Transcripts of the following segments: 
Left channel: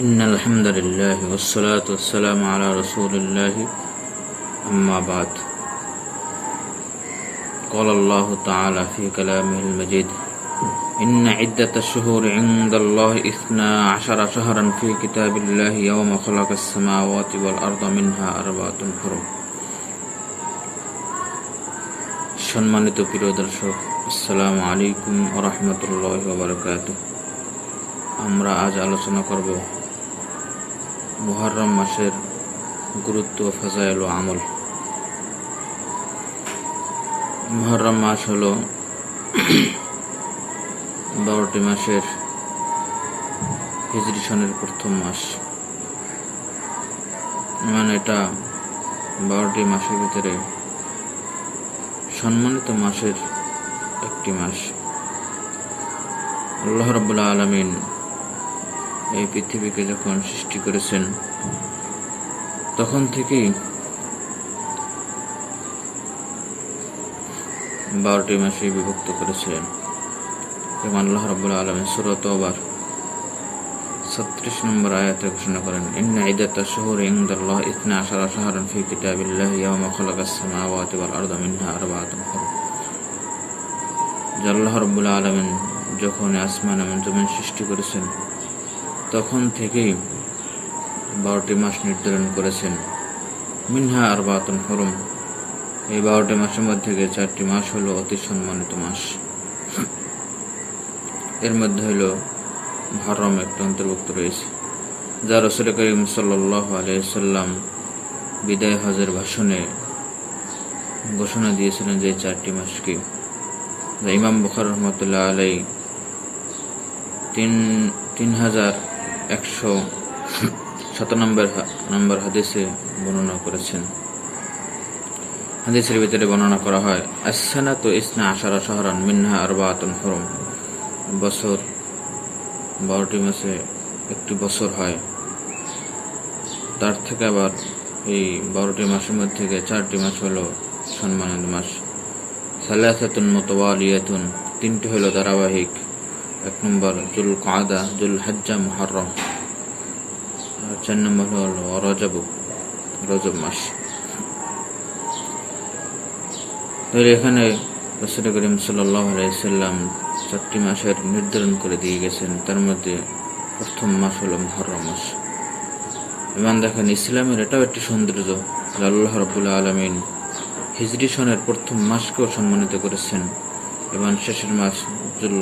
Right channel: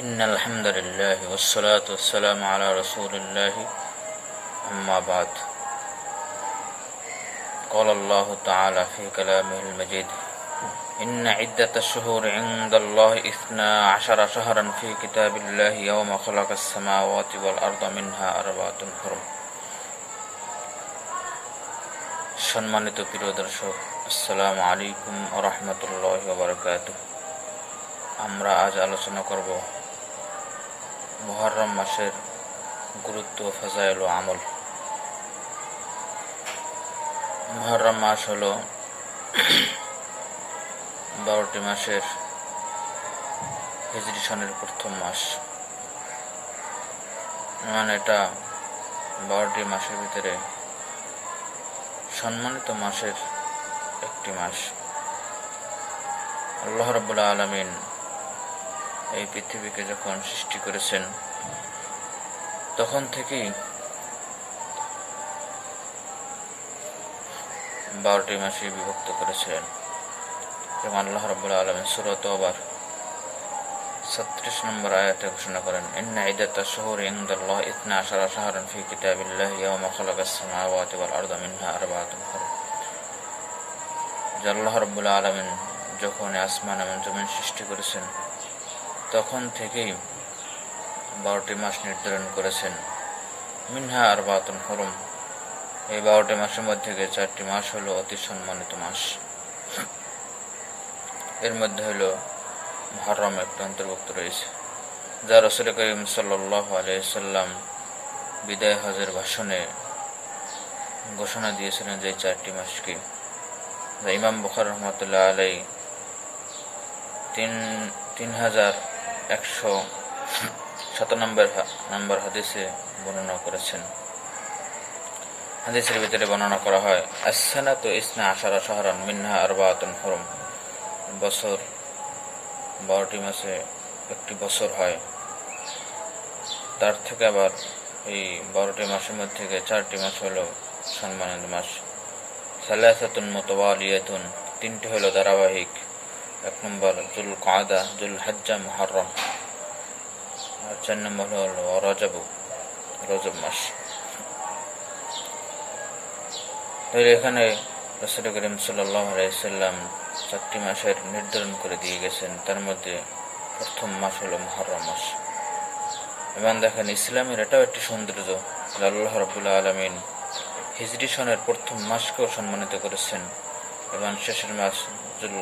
إن الحمد لله والصلاة والسلام على رسول الله أما بعد قال الله تعالى في كلامه المجيد إن عدة الشهور عند الله 12 شهرا في كتاب الله يوم خلق السماوات والأرض منها أربعة حرم সম্মানিত প্রিয় দর্শক, আসসালামু আলাইকুম ওয়া রাহমাতুল্লাহি ওয়া বারাকাতুহু। আমরা আজ আলোচনা করব মুহররম মাসের গুরুত্ব, ফাজাইল ও আমল। মুহররম মাস হলো 12টি মাসের হিজরি সনের প্রথম মাস। মানে এটা 12টি মাসের ভিতরে সম্মানিত মাসের একটি মাস। আল্লাহ রাব্বুল আলামিন এই পৃথিবীকে যখন সৃষ্টি করেছেন তখন থেকেই 12টি মাসে বিভক্ত করেছিলেন। যেমন আল্লাহ রাব্বুল আলামিন সূরা তাওবার 36 নম্বর আয়াতে ঘোষণা করেন, ইন্না ইদ্দাতাশ শুহুরি ইনদাল্লাহি 12 শাহরান ফি কিতাবিল্লাহি ইয়াওমা খালাকাস সামাওয়াতি ওয়াল আরদা মিনহা আরবাআতুন হুরুম। আল্লাহ রাব্বুল আলামিন যখন আসমান এবং জমিন সৃষ্টি করেছেন তখন থেকেই 12টি মাস নির্ধারণ করেছেন। মিনহা আরবাআতুন হুরুম, এই 12টি মাসের মধ্যে 4টি মাস হলো অতি সম্মানিত মাস। এর মধ্যে হলো মুহররম একটা অন্তর্ভুক্ত রয়েছে, যা রাসূল করিম সাল্লাল্লাহু আলাইহি সাল্লাম বিদায় হজের ভাষণে ঘোষণা দিয়েছিলেন যে 4টি মাসকে, যা ইমাম বুখারী রাহমাতুল্লাহ আলাইহি 3107 নম্বর হাদিসে বর্ণনা করেছেন। হাদিসের ভিতরে বর্ণনা করা হয়, আস-সানাতু 12 শাহরান মিনহা আরবাআতুন হুরুম। বছর 12টি মাসে একটি বছর হয়। তার থেকে আবার এই 12টি মাসের মধ্যে 4টি মাস হলো সম্মানিত মাস। সালাসাতুন মুতাওয়ালিয়াতুন, 3টি হলো ধারাবাহিক। 1 নম্বর জুল কাদা, জুল হজ্জা, মুহররম। আর 4 নম্বর হলো রজব মাস। এখানে রাসূল করিম সাল্লাল্লাহু আলাইহি সাল্লাম 4টি মাসের নির্ধারণ করে দিয়ে গেছেন। তার মধ্যে প্রথম মাস হলো মুহররম মাস। এবং দেখেন, ইসলামের এটাও একটি সৌন্দর্য, আল্লাহ রাব্বুল আলামিন হিজরি সনের প্রথম মাসকেও সম্মানিত করেছেন এবং শেষের মাস জুল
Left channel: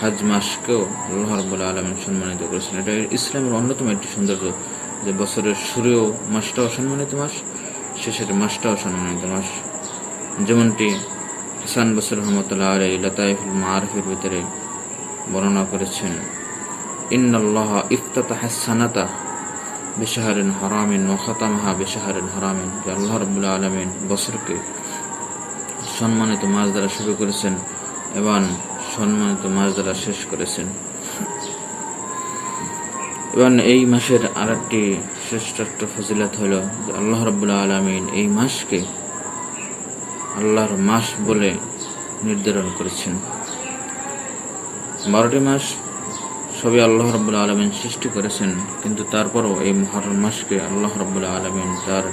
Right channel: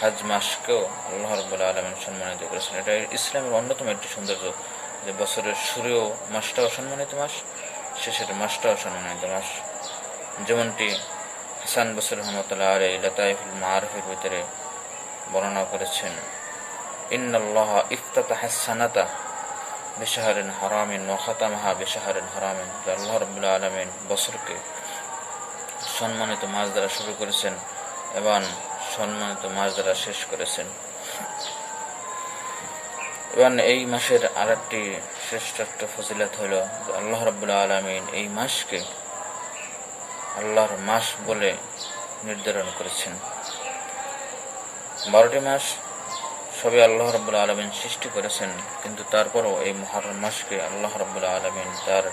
হজ মাসকেও আল্লাহ রাব্বুল আলামিন সম্মানিত করেছেন। এটা ইসলামের অন্যতম একটি সৌন্দর্য যে বছরের শুরুও মাসটাও সম্মানিত মাস, শেষের মাসটাও সম্মানিত মাস। যেমনটি হাসান বসরি রাহমাতুল্লাহ আলাইহি লাতাইফুল মাআরিফের ভিতরে বর্ণনা করেছেন, ইন্নাল্লাহা ইফতাতাহাস সানাতা বিশাহরিন হারামিন ওয়া খাতামাহা বিশাহরিন হারামিন। আল্লাহ রাব্বুল আলামিন বছরকে সম্মানিত মাস দ্বারা শুরু করেছেন এবং সম্মানিত মাস দ্বারা শেষ করেছেন। এবং এই মাসের আরেকটি শ্রেষ্ঠ ফজিলত হলো আল্লাহ রাব্বুল আলামিন এই মাসকে আল্লাহর মাস বলে নির্ধারণ করেছেন। 12টি মাস সবই আল্লাহ রাব্বুল আলামিন সৃষ্টি করেছেন, কিন্তু তারপরও এই মুহররম মাসকে আল্লাহ রাব্বুল আলামিন তার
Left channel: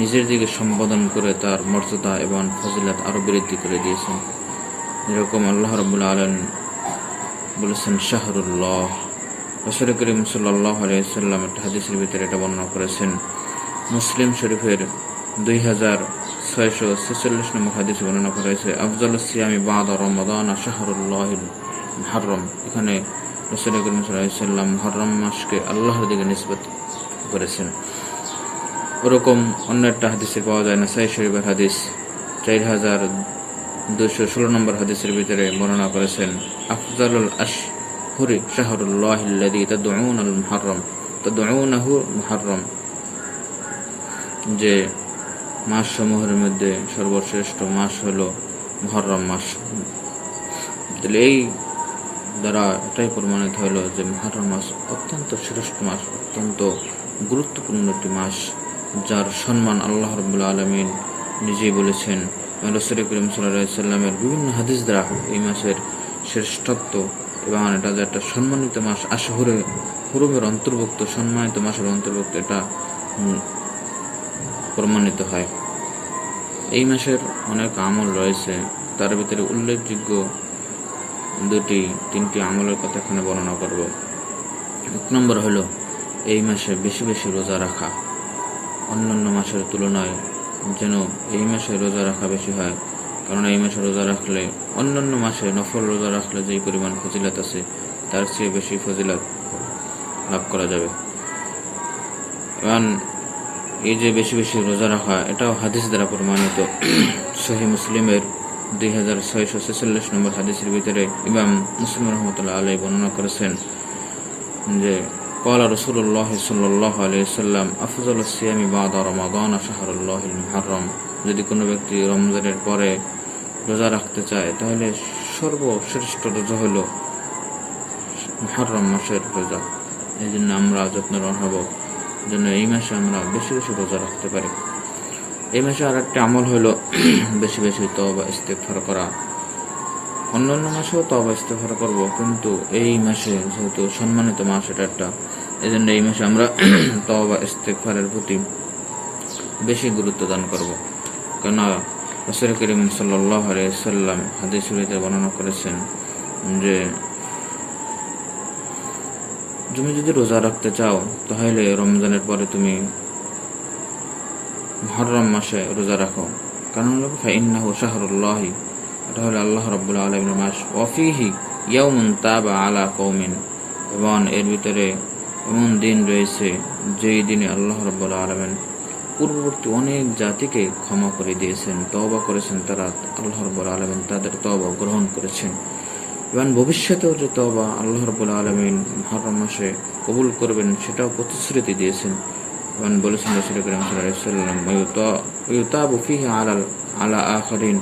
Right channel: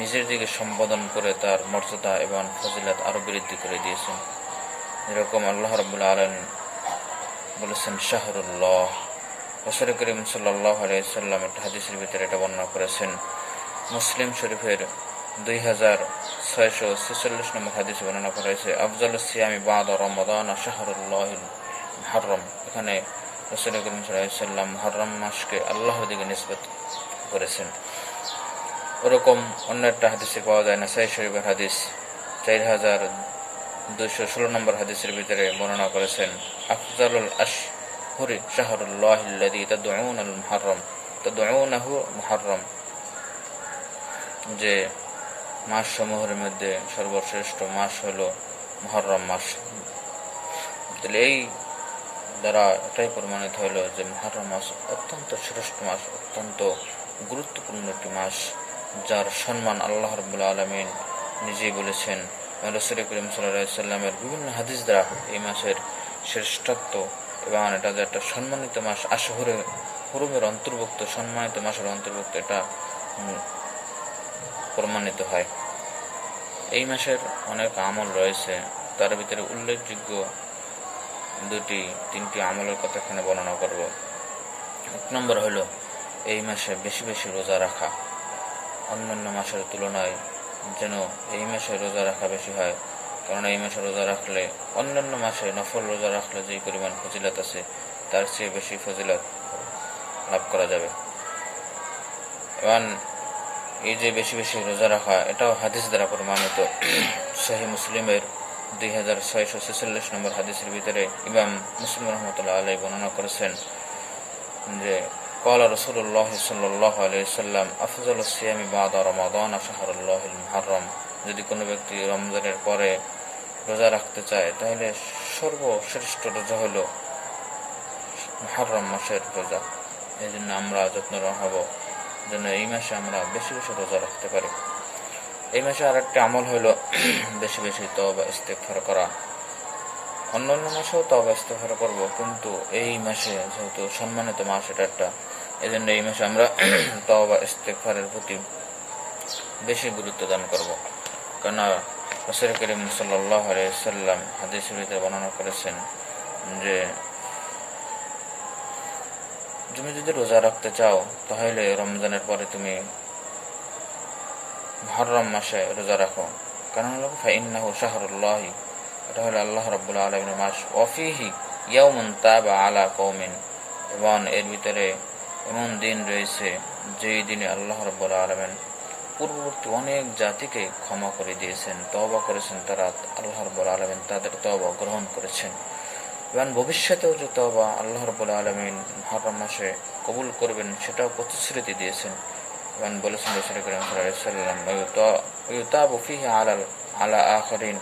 নিজের দিকে সম্বোধন করে তার মর্যাদা এবং ফজিলত আরো বৃদ্ধি করে দিয়েছেন। যেরকম আল্লাহ রাব্বুল আলামিন বলেছেন শাহরুল্লাহ। রাসূল করিম সাল্লাল্লাহু আলাইহি সাল্লাম একটা হাদিসের ভিতরে এটা বর্ণনা করেছেন। মুসলিম শরীফের 2646 নম্বর হাদিসে বর্ণনা করা হয়েছে, আফজালুস সিয়ামি বা'দা রমাদান শাহরুল্লাহিল মুহররম। এখানে রাসূল করিম সাল্লাল্লাহু আলাইহি সাল্লাম মুহররম মাসকে আল্লাহর দিকে নিসবত করেছেন। ওরকম অন্য একটা হাদিসে পাওয়া যায়, নাসাঈ শরীফের হাদিস 4216 নম্বর হাদিসের ভিতরে বর্ণনা করেছেন, আফজালুল আশহুরি শাহরুল্লাহিল্লাযী তাদউনাহু মুহররম, যে মাস সমূহের মধ্যে সর্বশ্রেষ্ঠ মাস হলো মুহররম মাস। তাহলে এই দ্বারা এটাই প্রমাণিত হলো যে মুহররম মাস অত্যন্ত শ্রেষ্ঠ মাস, অত্যন্ত গুরুত্বপূর্ণ একটি মাস, যার সম্মান আল্লাহ রাব্বুল আলামিন নিজেই বলেছেন। রাসূল করিম সাল্লাল্লাহু আলাইহি সাল্লামের বিভিন্ন হাদিস দ্বারা এই মাসের শ্রেষ্ঠত্ব এবং এটা যে একটা সম্মানিত মাস, আশহুরে হুরুমের অন্তর্ভুক্ত, সম্মানিত মাসের অন্তর্ভুক্ত এটা প্রমাণিত হয়। এই মাসের অনেক আমল রয়েছে, তার ভিতরে উল্লেখযোগ্য তিনটি আমলের কথা এখানে বর্ণনা করব। এক নম্বর হলো এই মাসে বেশি বেশি রোজা রাখা। অন্যান্য মাসের তুলনায় যেন এই মাসে রোজা রাখা বেশি হয়, কারণ এই মাসে রোজা রাখলে অন্যান্য মাসে নফল রোজা রাখলে যেই পরিমাণ ফজিলত আছে তার চেয়ে বেশি ফজিলত লাভ করা যাবে। এবং এই যে বেশি বেশি রোজা রাখা, এটাও হাদিস দ্বারা প্রমাণিত। সহিহ মুসলিমের 2646 নম্বর হাদিসের ভিতরে ইমাম মুসলিম রহমতুল্লাহ আলাইহি বর্ণনা করেছেন যে قال رسول الله صلى الله عليه وسلم أفضل الصيام بعد رمضان شهر الله المحرم। যদি কোনো ব্যক্তি রমজানের পরে রোজা রাখতে চায় তাহলে সর্বশ্রেষ্ঠ রোজা হলো মুহররম মাসের রোজা। এই জন্য আমরা যত্নবান হব যেন এই মাসে আমরা বেশি বেশি রোজা রাখতে পারি। এই মাসে আর একটা আমল হলো বেশি বেশি তওবা ইস্তেগফার করা। অন্যান্য মাসেও তওবা ইস্তেগফার করব, কিন্তু এই মাসে যেহেতু সম্মানিত মাস এটা একটা, এই জন্য এই মাসে আমরা তওবা ইস্তেগফারের প্রতি বেশি গুরুত্ব দান করব। কেননা রাসূল করিম সাল্লাল্লাহু আলাইহি ওয়াসাল্লাম হাদিসে বর্ণনা করেছেন যে তুমি যদি রোজা রাখতে চাও তাহলে রমজানের পরে তুমি মুহররম মাসে রোজা রাখো, কারণ হলো ফাইন্নাহু শাহরুল্লাহ, এটা হলো আল্লাহ রাব্বুল আলামিনের মাস। ওয়াফিহি ইয়াউমুন তাবা আলা কওমিন, এবং এর ভিতরে এমন দিন রয়েছে যেই দিনে আল্লাহ রাব্বুল আলামিন পূর্ববর্তী অনেক জাতিকে ক্ষমা করে দিয়েছেন, তওবা করেছেন তারা, আল্লাহ রাব্বুল আলামিন তাদের তওবা গ্রহণ করেছেন। এবং ভবিষ্যতেও যে তওবা আল্লাহ রাব্বুল আলামিন মুহররম মাসে কবুল করবেন সেটাও প্রতিশ্রুতি দিয়েছেন। এবং বলেছেন রাসূল করিম সাল্লাল্লাহু আলাইহি ওয়াসাল্লাম ইউতাবু ফিহি আলা আখিরিন,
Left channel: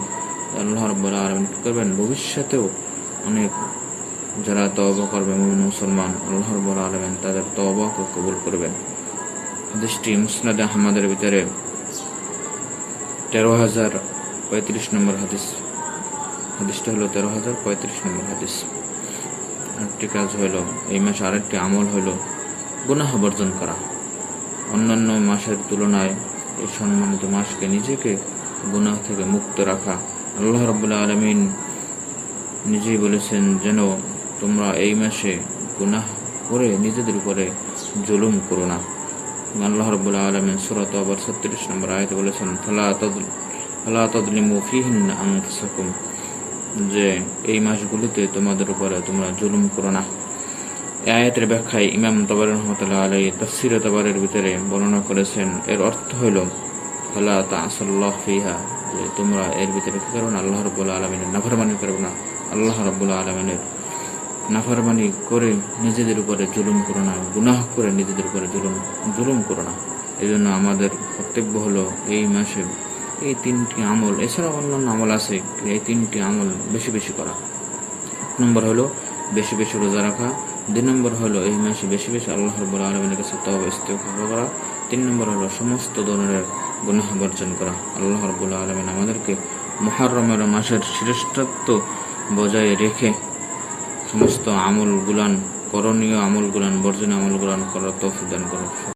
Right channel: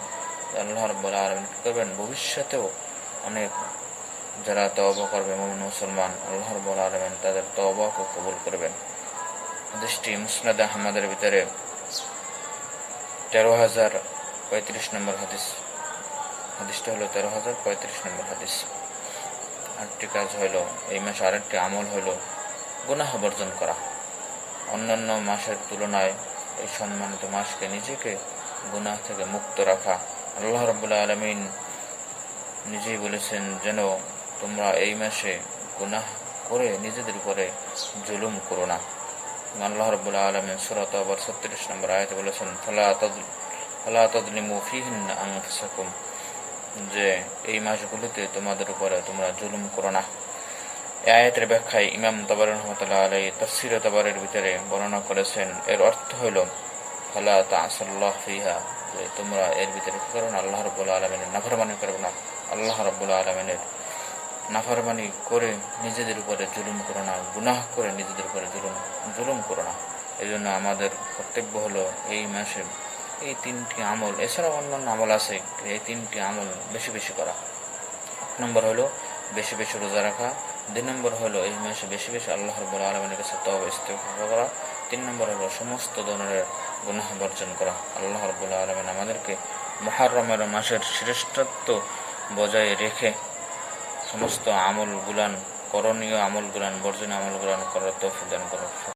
আল্লাহ রাব্বুল আলামিন করবেন ভবিষ্যতেও অনেক যারা তওবা করবে মুমিন মুসলমান, আল্লাহ রাব্বুল আলামিন তাদের তওবাকে কবুল করবেন। হাদিসটি মুসনাদ আহমদের ভিতরে 13,035 নম্বর হাদিস। হাদিসটা হলো 13,035 নম্বর হাদিস। আরেকটি কাজ হলো এই মাসে আরেকটি আমল হলো গুনাহ বর্জন করা। অন্যান্য মাসের তুলনায় এই সম্মানিত মাসকে নিজেকে গুনাহ থেকে মুক্ত রাখা। আল্লাহ রাব্বুল আলামিন নিজেই বলেছেন যেন তোমরা এই মাসে গুনাহ করে নিজেদের উপরে জুলুম করো না। আল্লাহ রাব্বুল আলামিন সূরা তাওবার 36 নম্বর আয়াতে বলেছেন ফালা তাযলিমু ফীহিন্না আনফুসাকুম, যে এই মাসগুলোতে তোমাদের উপরে তোমরা জুলুম করো না। এই আয়াতের ব্যাখ্যায় ইমাম তাবারী রাহমাতুল্লাহ আলাইহি তাফসীর তাবারীর ভিতরে বর্ণনা করেছেন, এর অর্থ হলো ফালা তা'সাল্লাহ ফিহা, যে তোমরা এর ভিতরে কি করো না, আল্লাহ রাব্বুল আলামিনের নাফরমানি করবে না, আল্লাহ রাব্বুল আলামিনের নাফরমানি করে নিজেদের উপরে জুলুম করো না, গুনাহ করে নিজেদের উপরে জুলুম করো না। এই জন্য আমাদের কর্তব্য হলো এই মাসে এই তিনটি আমল, এছাড়া অন্যান্য আমল আছে, এই তিনটি আমল বেশি বেশি করা। এক নম্বর হলো বেশি বেশি রোজা রাখা, 2 নম্বর হলো এই মাসে বেশি বেশি আল্লাহ রাব্বুল আলামিনের কাছে তওবা ইস্তেগফার করা, 3 নম্বর হলো সমস্ত ধরনের গুনাহ বর্জন করা। আল্লাহ রাব্বুল আলামিন আমাদেরকে মুহররমের মাসের শ্রেষ্ঠত্ব বজায় রেখে সমস্ত আমলগুলান, করণীয় আমলগুলান, বর্জনীয় আমলগুলান করার তৌফিক দান করুন।